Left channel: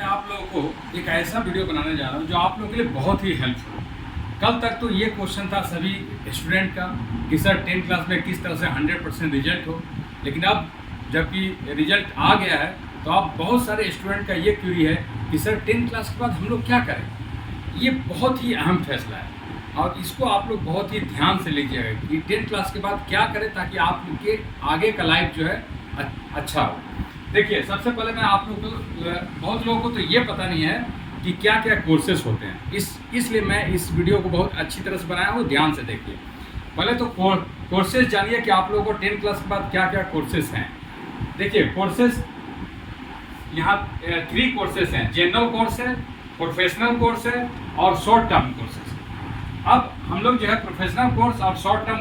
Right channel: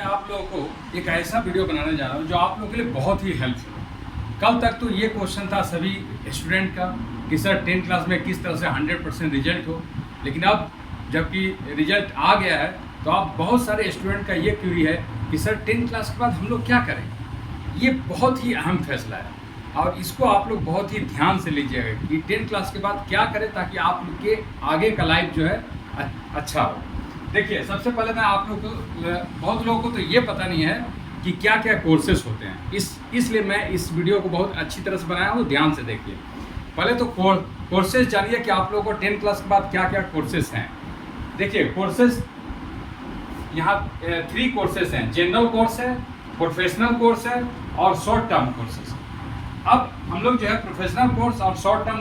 मैं आप लोगों को एक ऐसा वीडियो बनाने जा रहा हूँ जो आप लोगों के लिए बहुत ही हेल्पफुल है। कल तक तो ये क्वेश्चन था सभी स्टूडेंट का कि सर 10th क्लास में किस तरह से 100% रिजल्ट हो, लेकिन अब जबकि रिजल्ट आ गया है तो अब बहुत सारे स्टूडेंट का ये क्वेरी है कि सर 10th क्लास के बाद हम लोग क्या करें। ये बहुत ही अहम फैसला है और इसको आप लोग बहुत ही ध्यान से लीजिएगा कि 10th क्लास के बाद क्या करें ताकि आप लोग के आगे का लाइफ जो है अच्छा हो। देखिए, सबसे पहले मैं आप लोग को, बहुत लोगों को तो ये पता नहीं है कि क्या क्या कोर्सेज होते हैं, इसलिए मैं इस वीडियो को बहुत अच्छी तरह से बनाया हूँ। ध्यान से देखिए। पहले तो कोर्सेज जानिए कि आप लोगों को 10th क्लास के बाद क्या क्या कोर्सेज हैं। देखिए, कोर्सेज यहाँ 3 कोर्सेज हैं। जनरल कोर्स है, प्रोफेशनल कोर्स है और शॉर्ट टर्म कोर्सेज। अब हम लोग जो है प्रोफेशनल कोर्स और शॉर्ट टर्म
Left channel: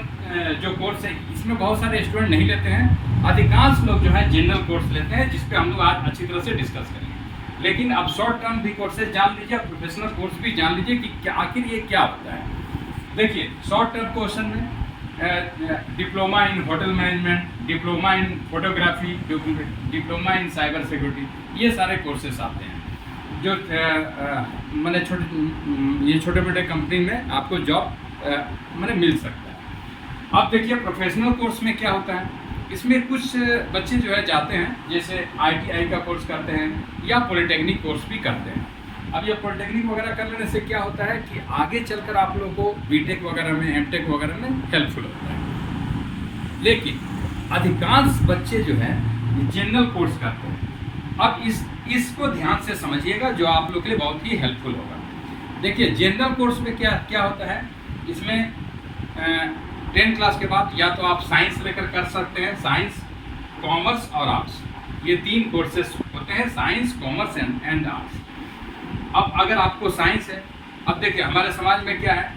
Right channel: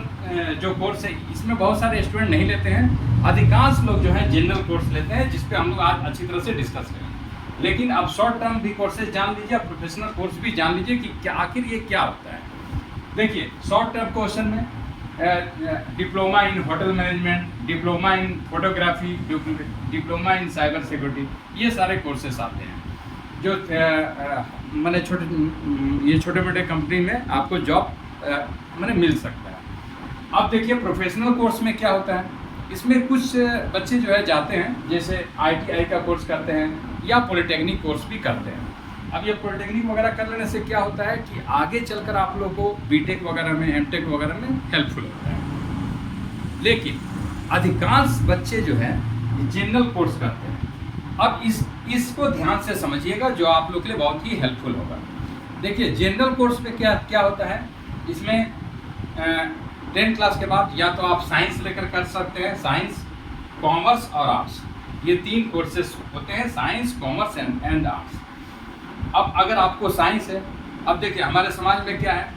जो कोर्स है इसमें बहुत सारे स्टूडेंट नहीं लेते हैं। अधिकांश लोग जो है जनरल कोर्स लेते हैं, जिस पे हम लोग आज अच्छी तरह से डिस्कस करेंगे। लेकिन अब शॉर्ट टर्म भी कोर्सेज जान लीजिए, प्रोफेशनल कोर्स भी जान लीजिए कि क्या आखिर ये क्या होता है। देखिए, शॉर्ट टर्म क्वेश्चन में diploma in hotel management, diploma in photography, diploma in cyber security, ये सारे कोर्सेस आते हैं जो मैंने ये छोटे मोटे कंपनी में आपको जॉब मैंने मिल सकता है। अब देखिए, प्रोफेशनल कोर्स में क्या होता है। इसमें कुछ बच्चे जो है जाते हैं, जैसे ITI का कोर्स करते हैं या पॉलिटेक्निक कोर्स भी करते हैं। अब ये पॉलिटेक्निक वगैरह कर लेने से क्या होता है कि आगे चलकर आप लोगों को BTech वगैरह में, MTech वगैरह में हेल्पफुल होता है। लेकिन अधिकांश बच्चे जो है जनरल कोर्स करते हैं। अब इसको ध्यान से समझिएगा, जो आप लोग के लिए बहुत ही हेल्पफुल होगा। देखिए, जनरल कोर्स में क्या होता है। इसमें 10th क्लास के बाद या तो आप साइंस लेकर कर सकते हैं, साइंस, कॉमर्स और आर्ट्स, ये 3 कोर्सेस होते हैं, साइंस, कॉमर्स एंड आर्ट्स। अब अगर आपको साइंस है, अब देखिए हमारे समाज में क्या है,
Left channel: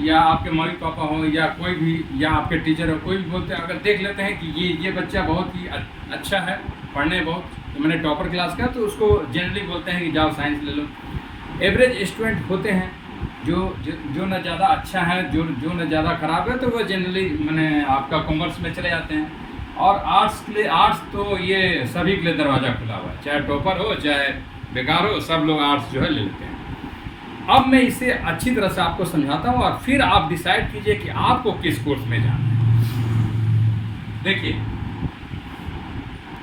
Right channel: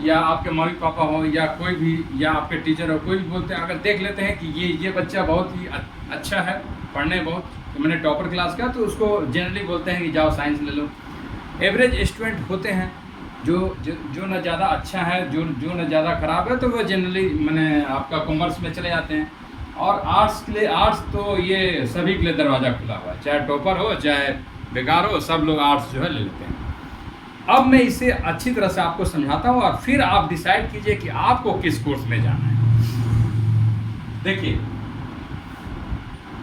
या आपके मम्मी पापा हो या कोई भी, या आपके टीचर हो, कोई भी बोलते हैं, अगर देख लेते हैं कि ये बच्चा बहुत ही अच्छा है, पढ़ने बहुत, तो मैंने टॉपर क्लास का, तो उसको जनरली बोलते हैं कि जाओ साइंस ले लो। एवरेज स्टूडेंट होते हैं जो न ज़्यादा अच्छा है, जो न ज़्यादा ख़राब है, तो वो जनरली मैंने आपका कॉमर्स में चले जाते हैं। और आर्ट्स के लिए, आर्ट्स तो ये सभी के लिए दरवाज़ा खुला हुआ है, चाहे टॉपर हो चाहे बेकार हो, सब लोग आर्ट्स जो है ले लेते हैं। अब मैं इसे अच्छी तरह से आपको समझाता हूँ और फिर आप डिसाइड कीजिए कि आपको किस कोर्स में जाना है। देखिए,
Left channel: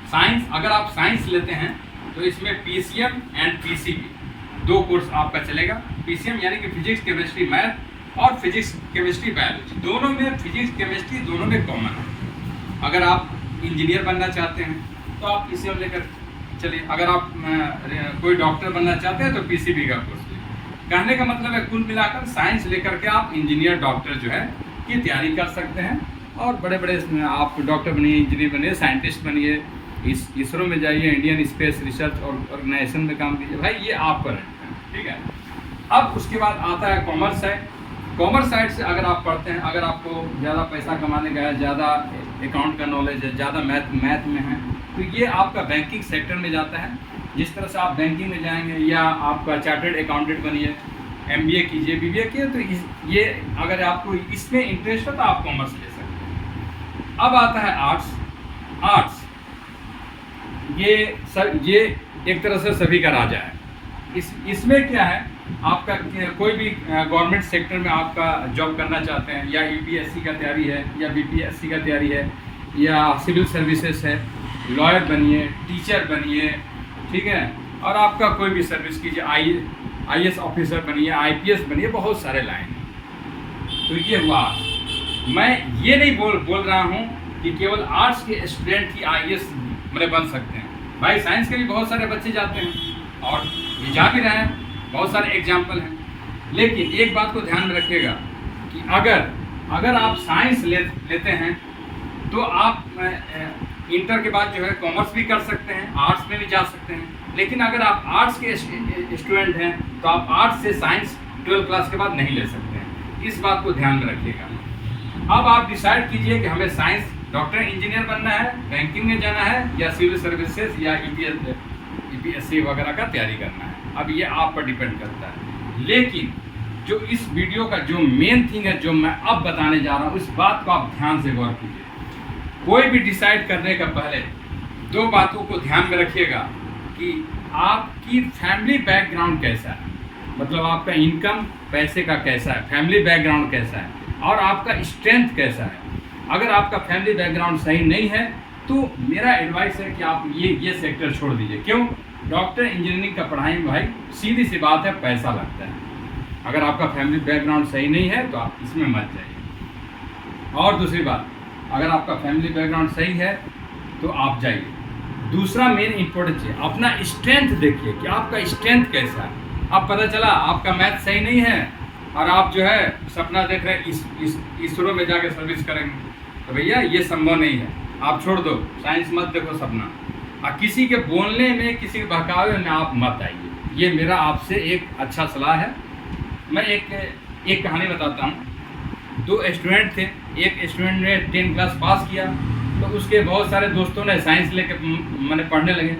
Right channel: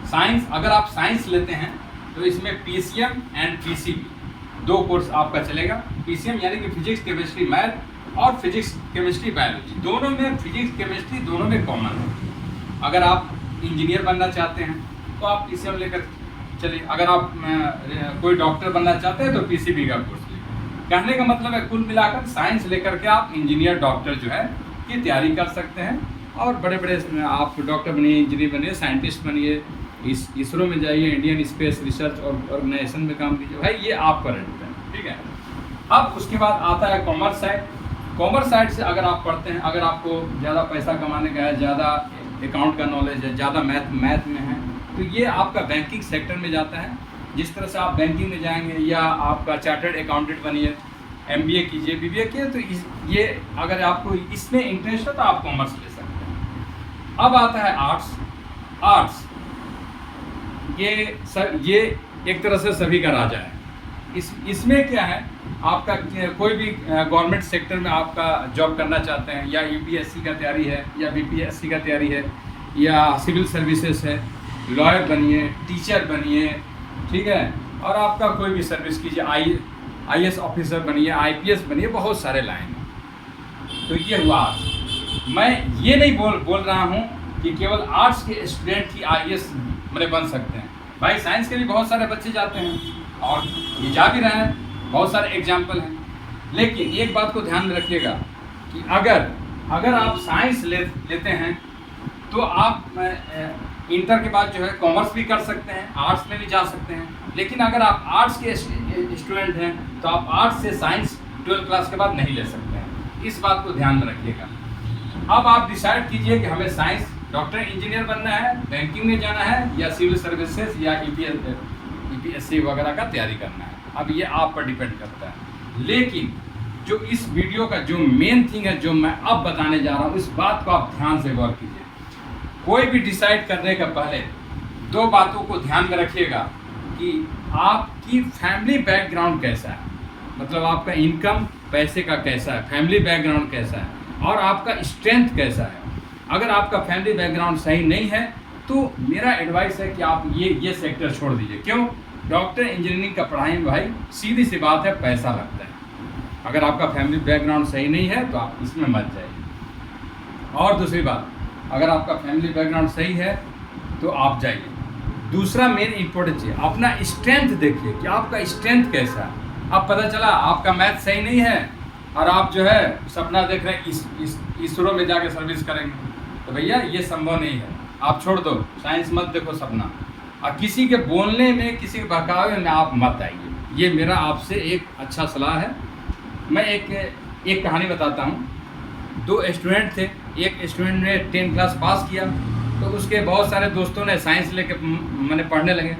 साइंस, अगर आप साइंस लेते हैं तो इसमें PCM एंड PCB 2 कोर्स आपका चलेगा। PCM यानी कि फिजिक्स, केमिस्ट्री, मैथ, और फिजिक्स, केमिस्ट्री, बायोलॉजी, दोनों में फिजिक्स, केमिस्ट्री दोनों में कॉमन है। अगर आप इंजीनियर बनना चाहते हैं तो आप PCM लेकर चलिए, अगर आप कोई डॉक्टर बनना चाहते हैं तो PCB का कोर्स लीजिए। कहने का मतलब है, कुल मिलाकर साइंस लेकर के आप इंजीनियर, डॉक्टर जो है की तैयारी कर सकते हैं और बड़े बड़े आप डॉक्टर बनिए, इंजीनियर बनिए, साइंटिस्ट बनिए, इसरो में जाइए, इंडियन स्पेस रिसर्च ऑर्गेनाइजेशन में काम कीजिए। भाई ये आप पर है, ठीक है। अब उसके बाद आता है कॉमर्स साइड। कॉमर्स साइड से अगर आप पढ़ते हैं, अगर आपको ज़्यादा पैसा कमाने का है, ज़्यादा अकाउंट का नॉलेज है, ज़्यादा मैथ में है, तो ये आपका बैंकिंग सेक्टर में जाता है। जिस तरह से आप बैंकिंग में जाएंगे, या आपका चार्टर्ड अकाउंटेंट बनिए, MBA कीजिए, BBA कीजिए, तो ये अगर आपको इसमें इंटरेस्ट हो तो आप कॉमर्स ले सकते हैं। अब आता है आर्ट्स। आर्ट्स ये एक तरह से सभी का राजा है। इसमें क्या है, आपका कोई भी गवर्नमेंट सेक्टर में आपका जॉब करना चाहते हैं, या UPSC का तैयारी है, या BPSC का तैयारी है, या सिविल सर्विसेज है, लॉयर बनिए, टीचर बनिए, ठीक है, और आपका कोई भी सर्विस कीजिए, IAS ऑफिसर बनिए, IPS बनिए, बहुत सारे लाइन हैं। तो ये हुआ आर्ट्स। मैं ये नहीं बोल रहा हूँ कि केवल आर्ट्स के स्टूडेंट ही IAS बन सकते हैं। भाई साइंस के भी बहुत सारे बच्चे जाते हैं और ये जा भी रहे हैं, बहुत सारे एग्जाम्पल हैं। लेकिन एक बात को ध्यान में रखिएगा कि अगर आप साइंस लेते हैं तो आप इंटर के बाद जो है कॉमर्स भी कर सकते हैं, आर्ट्स में भी जा सकते हैं। लेकिन अगर आप आर्ट्स के स्टूडेंट हैं तो आप आर्ट्स से साइंस 12th क्लास के बाद नहीं ले सकते हैं। इस बात को ध्यान में रखिएगा। अब आप डिसाइड कीजिए कि हमें साइंस, डॉक्टर, इंजीनियर बनना है, बैंकिंग में जाना है, या सिविल सर्विसेज या EPSC वगैरह का तैयारी करना है। अब ये आप पर डिपेंड करता है। लेकिन जो इस वीडियो का जो मेन थिंग है, जो मैं अब बताने जा रहा हूँ, इस बात को आप ध्यान से गौर कीजिए। कोई भी डिसाइड करने का पहले 2 बातों को ध्यान में रखिएगा कि आपकी फैमिली बैकग्राउंड कैसा है, मतलब आपका इनकम पैसे का कैसा है, फैमिली बैकग्राउंड कैसा है और आपका स्ट्रेंथ कैसा है। अगर आपका फैमिली बैकग्राउंड सही नहीं है तो मेरा एडवाइस है कि आप ये सेक्टर छोड़ दीजिए। क्यों? डॉक्टर इंजीनियरिंग का पढ़ाई में भाई सीधी सी बात है, पैसा लगता है। अगर आपका फैमिली बैकग्राउंड सही नहीं है तो आप इसमें मत जाइए। और दूसरी बात, अगर आपका फैमिली बैकग्राउंड सही है तो आप जाइए। दूसरा मेन इंपॉर्टेंट है, अपना स्ट्रेंथ देखिए कि आपका स्ट्रेंथ कैसा है। अब पता चला आपका मैथ सही नहीं है और आप जो है सपना देख रहे हैं इसरो में जाके सर्विस करेंगे, तो भैया ये संभव नहीं है, आप छोड़ दो, साइंस मत देखो सपना। और किसी के बोलने में, किसी के बहकावे में आप मत आइए। ये मेरा आपसे एक अच्छा सलाह है। मैं एक कहानी बताता हूँ। 2 स्टूडेंट थे। एक स्टूडेंट ने 10 क्लास पास किया तो उसके बहुत सारे दोस्तों ने साइंस लेके मैंने पढ़ने लगे।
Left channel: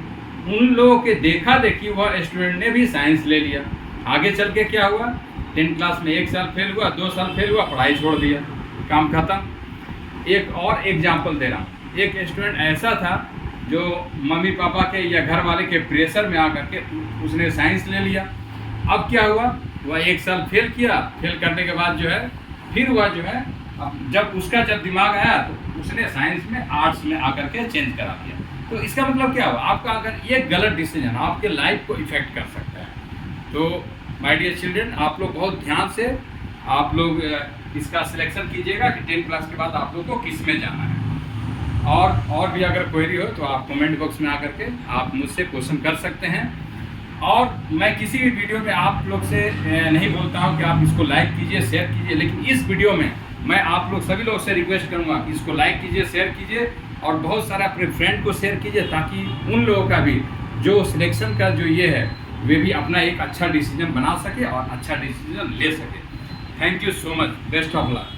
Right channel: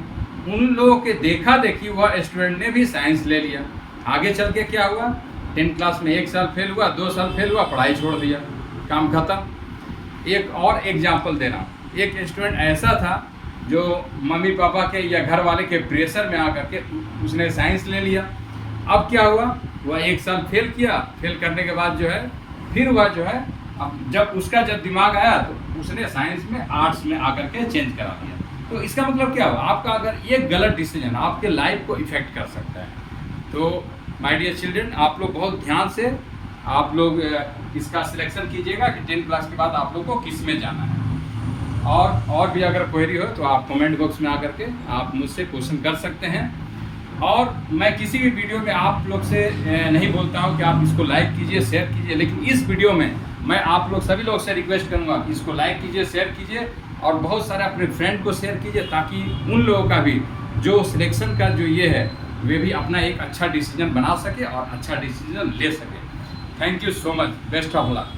उन लोगों के देखा देखी वह स्टूडेंट ने भी साइंस ले लिया। आगे चल के क्या हुआ, 10 क्लास में 1 साल फेल हुआ, 2 साल फेल हुआ, पढ़ाई छोड़ दिया, काम खत्म। एक और एग्जाम्पल दे रहा हूँ। एक स्टूडेंट ऐसा था जो मम्मी पापा के या घर वाले के प्रेशर में आकर के उसने साइंस ले लिया। अब क्या हुआ, वह 1 साल फेल किया। फेल करने के बाद जो है फिर वह जो है अब जब दिमाग आया तो उसने साइंस में आर्ट्स में आकर के चेंज करा दिया। तो इसका मतलब क्या हुआ, आपका अगर एक गलत डिसीजन आपके लाइफ को इफेक्ट कर सकता है। तो माय डियर चिल्ड्रन, आप लोग बहुत ध्यान से आप लोग इसका सिलेक्शन कीजिएगा कि 10 क्लास के बाद आप लोग को किस में जाना है। और भी अगर क्वेरी हो तो आप कमेंट बॉक्स में आकर के आप मुझसे क्वेश्चन कर सकते हैं। और मैं किसी भी वीडियो में आप लोग से नहीं बोलता हूं कि आप इसको लाइक कीजिए, शेयर कीजिए, लेकिन इस वीडियो में मैं आप लोग सभी लोग से रिक्वेस्ट करूंगा कि इसको लाइक कीजिए, शेयर कीजिए और बहुत सारे अपने फ्रेंड को शेयर कीजिए, ताकि उन लोगों का भी जो सिलेक्शन का जो ये है वे भी अपना एक अच्छा डिसीजन बना सके और अच्छा डिसीजन ले सके। Thank you so much, best of luck.